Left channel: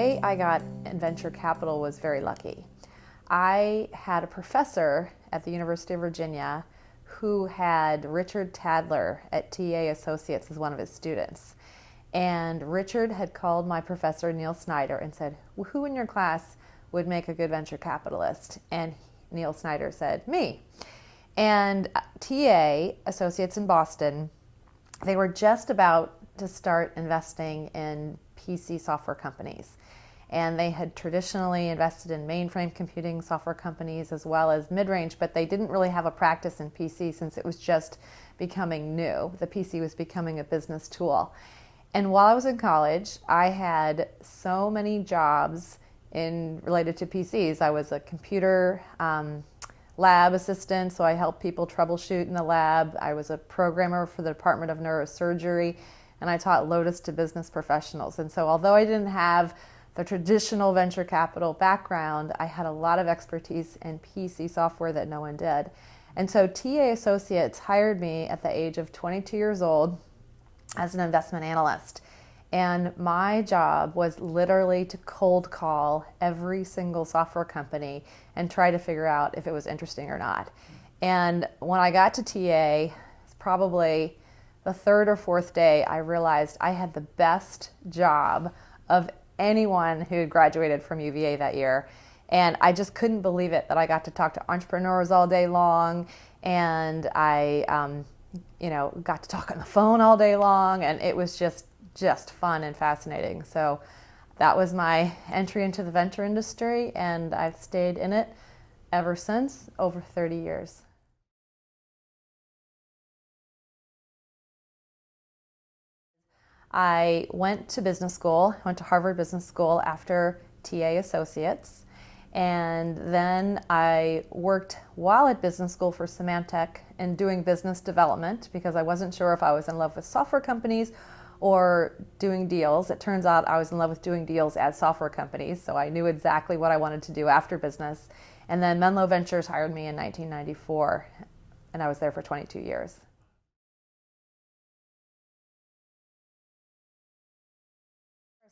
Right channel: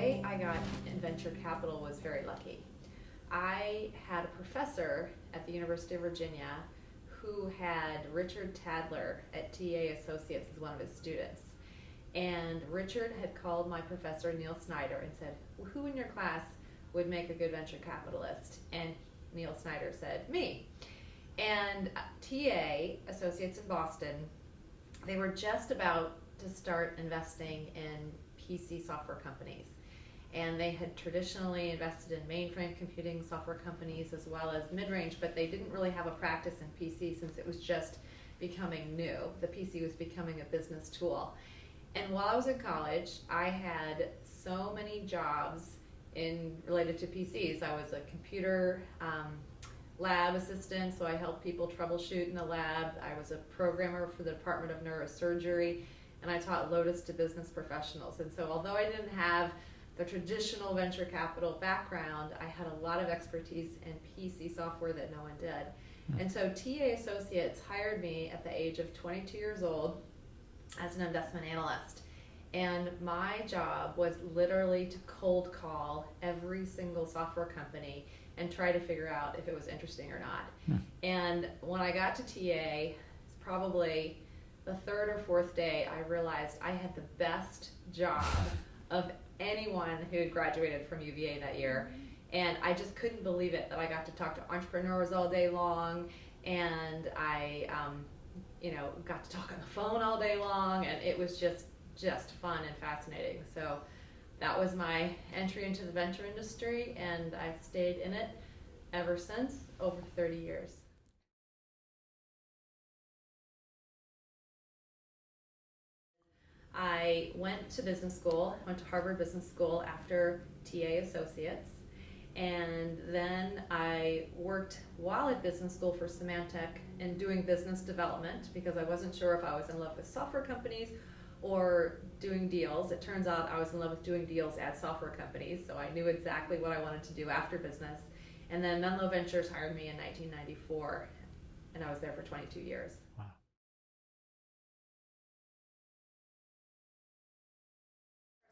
way I got in venture capital was very lucky. I had a professor at the University of Virginia who had Richard Tadler at TA Associates as one of his students. And Richard had called my professor, Neil Snyder, and said, who in your class would make a good venture capitalist? And Neil Snyder said, me. And TA Associates in Boston, they were just about to start investing in PC software companies. And they had traditionally invested in mainframe computing software companies as well as mid-range, but they didn't really have a practice in PC since it was just becoming new. The PC was becoming a business tool. And while I was in college, I had so many jobs related to PCs. I was a computer lab assistant, so I helped people troubleshoot in the lab. I was a programmer for the Department of Neurosurgery, and I taught Lotus to business professionals. And so although I didn't have the traditional venture capital background, I had a lot of expertise in PC software that no one did. And so TA Associates hired me at the age of 22 years old as an investment analyst. And my job was literally to cold call every single software company and try to figure out if it was interesting or not. And when I got to TA, probably the third or fourth day, I realized I had the best job of anyone who had graduated from UVA that year. And I just couldn't believe it that I got to talk to entrepreneurs all day long, and I got to talk on the phone all day long, and it was just fun and fascinating. So that was my entry into the venture industry, and I've stayed in it ever since, over 30 years. I went to business school, went to Harvard Business School after TA Associates, and then I worked while at business school for Symantec and doing business development because I wasn't sure if I was in love with software companies or doing deals. It turns out I was in love with doing deals at software companies, so I knew exactly what I wanted to do after business. And then Menlo Ventures hired me in 1994, and I was there for 22 years.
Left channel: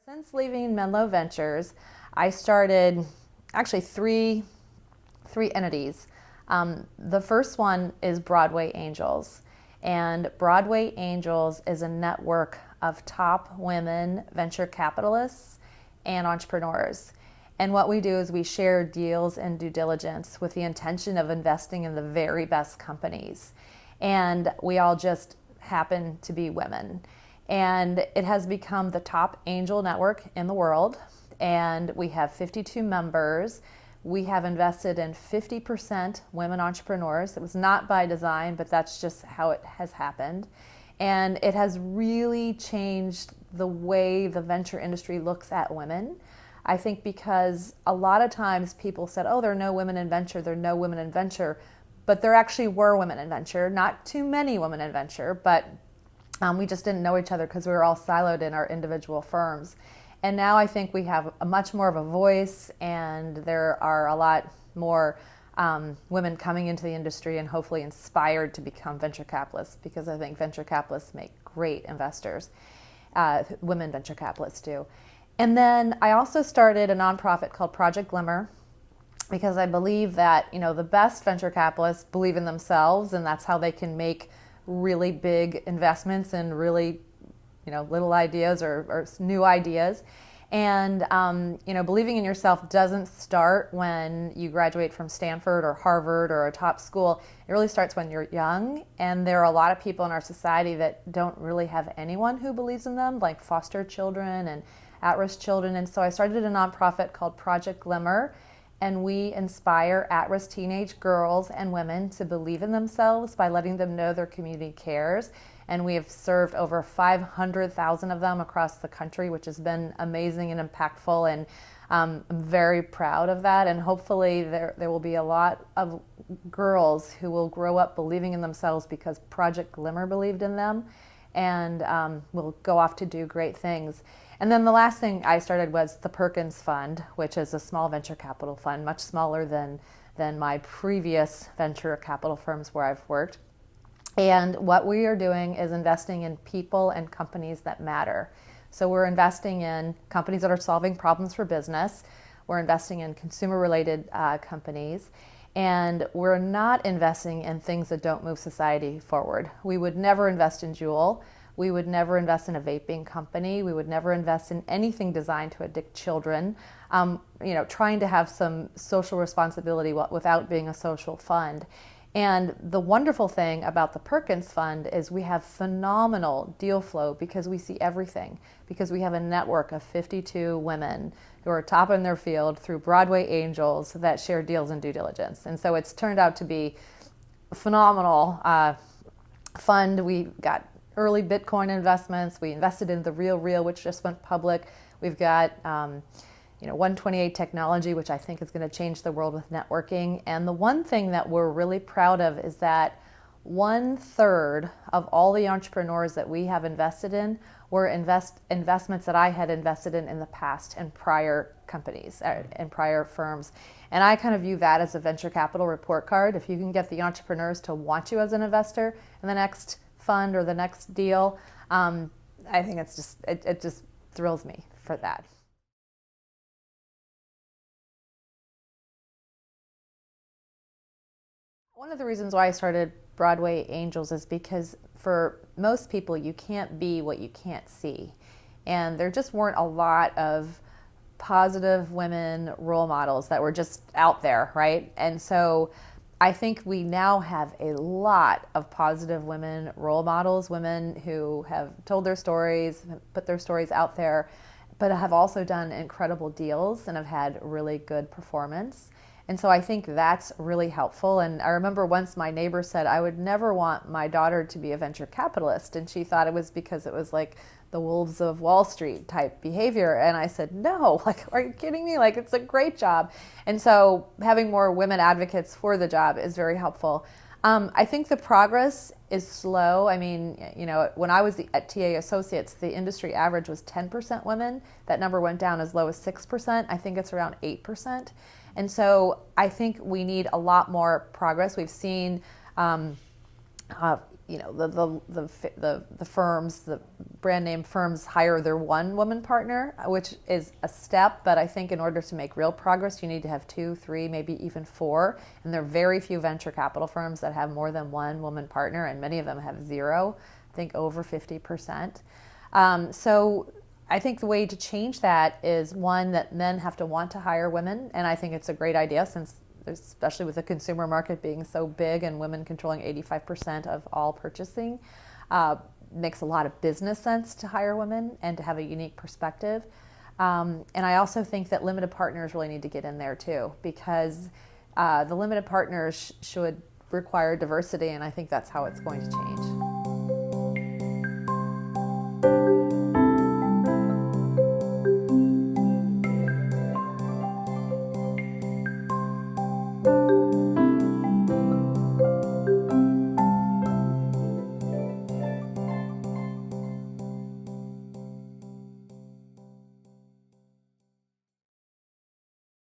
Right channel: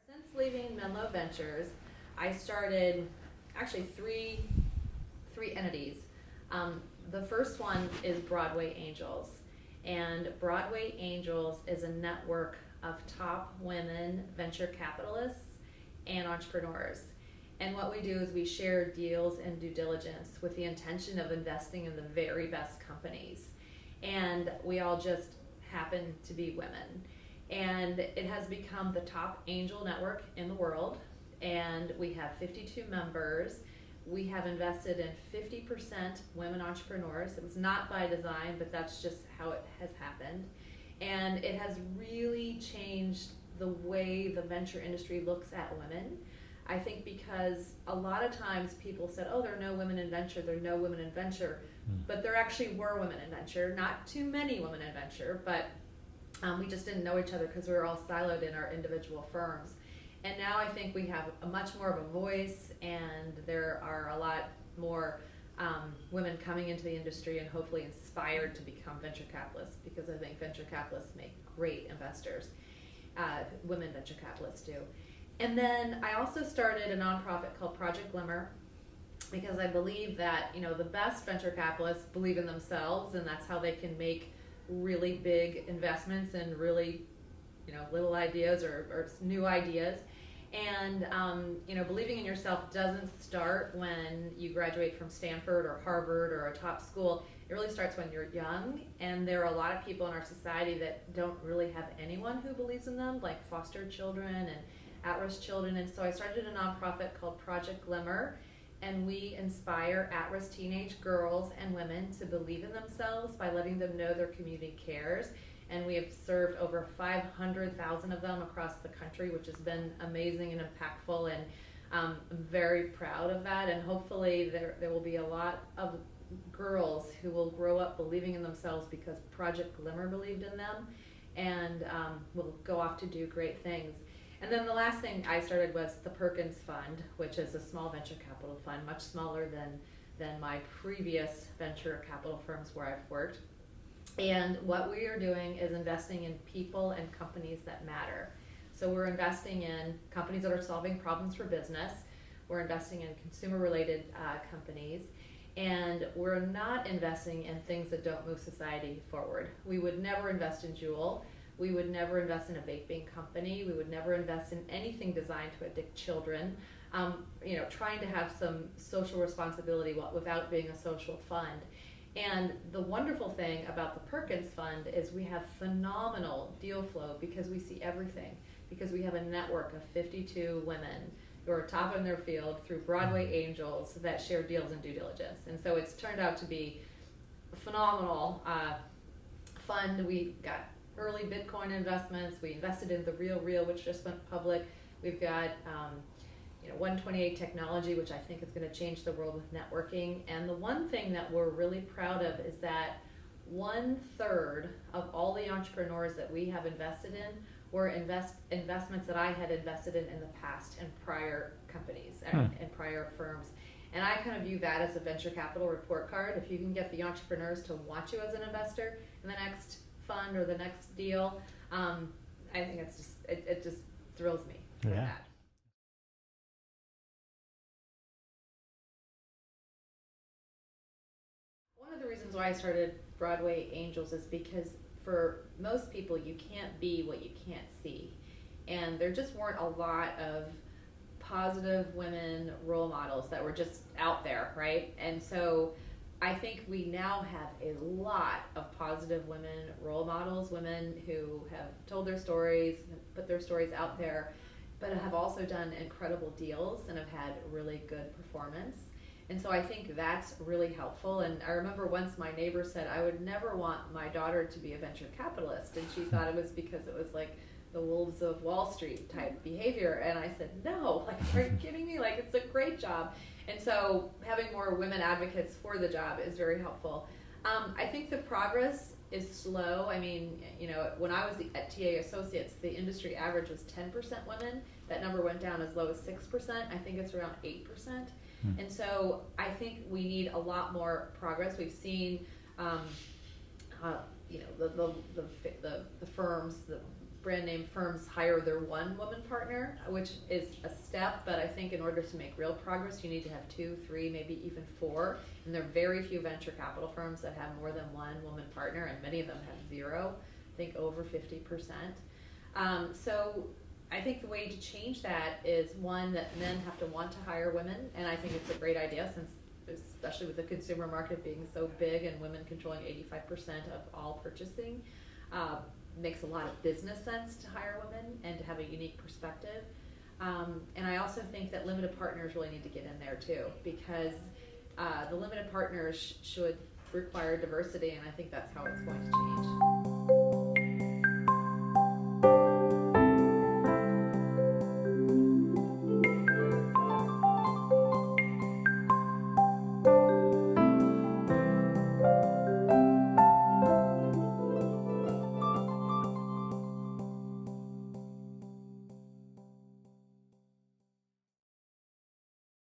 Since leaving Menlo Ventures, I started actually three entities. The first one is Broadway Angels, and Broadway Angels is a network of top women venture capitalists and entrepreneurs. And what we do is we share deals and due diligence with the intention of investing in the very best companies. And we all just happen to be women. And it has become the top angel network in the world. And we have 52 members. We have invested in 50% women entrepreneurs. It was not by design, but that's just how it has happened. And it has really changed the way the venture industry looks at women. I think because a lot of times people said, oh, there are no women in venture, there are no women in venture. But there actually were women in venture, not too many women in venture, but we just didn't know each other because we were all siloed in our individual firms. And now I think we have a much more of a voice, and there are a lot more women coming into the industry and hopefully inspired to become venture capitalists, because I think venture capitalists make great investors. Women venture capitalists do. And then I also started a nonprofit called Project Glimmer, because I believe that the best venture capitalists believe in themselves, and that's how they can make really big investments in really little ideas or new ideas. And believing in yourself doesn't start when you graduate from Stanford or Harvard or a top school. It really starts when you're young, and there are a lot of people in our society that don't really have anyone who believes in them, like foster children and at-risk children. And so I started a nonprofit called Project Glimmer, and we inspire at-risk teenage girls and women to believe in themselves by letting them know their community cares. And we have served over 500,000 of them across the country, which has been amazing and impactful, and I'm very proud of that. And hopefully there will be a lot of girls who will grow up believing in themselves because Project Glimmer believed in them, and will go off to do great things. And then the last thing I started was the Perkins Fund, which is a small venture capital fund, much smaller than my previous venture capital firms where I've worked. And what we are doing is investing in people and companies that matter. So we're investing in companies that are solving problems for business. We're investing in consumer-related companies. And we're not investing in things that don't move society forward. We would never invest in Juul. We would never invest in a vaping company. We would never invest in anything designed to addict children. Trying to have some social responsibility without being a social fund. And the wonderful thing about the Perkins Fund is we have phenomenal deal flow because we see everything, because we have a network of 52 women who are top in their field through Broadway Angels that share deals and due diligence. And so it's turned out to be a phenomenal fund. We got early Bitcoin investments. We invested in the Real, which just went public. We've got 128 technology, which I think is going to change the world with networking. And the one thing that we're really proud of is that 1/3 of all the entrepreneurs that we have invested in were investments that I had invested in the past in prior companies and prior firms. And I kind of view that as a venture capital report card. If you can get the entrepreneurs to want you as an investor in the next fund or the next deal, I think it just thrills me for that. One of the reasons why I started Broadway Angels is because for most people, you can't be what you can't see. And there just weren't a lot of positive women role models that were just out there, right? And so I think we now have a lot of positive women role models, women who have told their stories, put their stories out there, but have also done incredible deals and have had really good performance. And so I think that's really helpful. And I remember once my neighbor said, I would never want my daughter to be a venture capitalist. And she thought it was because it was like the wolves of Wall Street type behavior. And I said, no, are you kidding me? It's a great job. And so having more women advocates for the job is very helpful. I think the progress is slow. I mean, when I was at TA Associates, the industry average was 10% women. That number went down as low as 6%. I think it's around 8%. And so I think we need a lot more progress. We've seen, the firms, the brand name firms hire their one woman partner, which is a step. But I think in order to make real progress, you need to have 2, 3, maybe even 4. And there are very few venture capital firms that have more than one woman partner, and many of them have 0. I think over 50%. So I think the way to change that is, one, that men have to want to hire women, and I think it's a great idea since, especially with the consumer market being so big and women controlling 85% of all purchasing, makes a lot of business sense to hire women and to have a unique perspective. And I also think that limited partners really need to get in there too, because the limited partners should require diversity, and I think that's how it's going to change.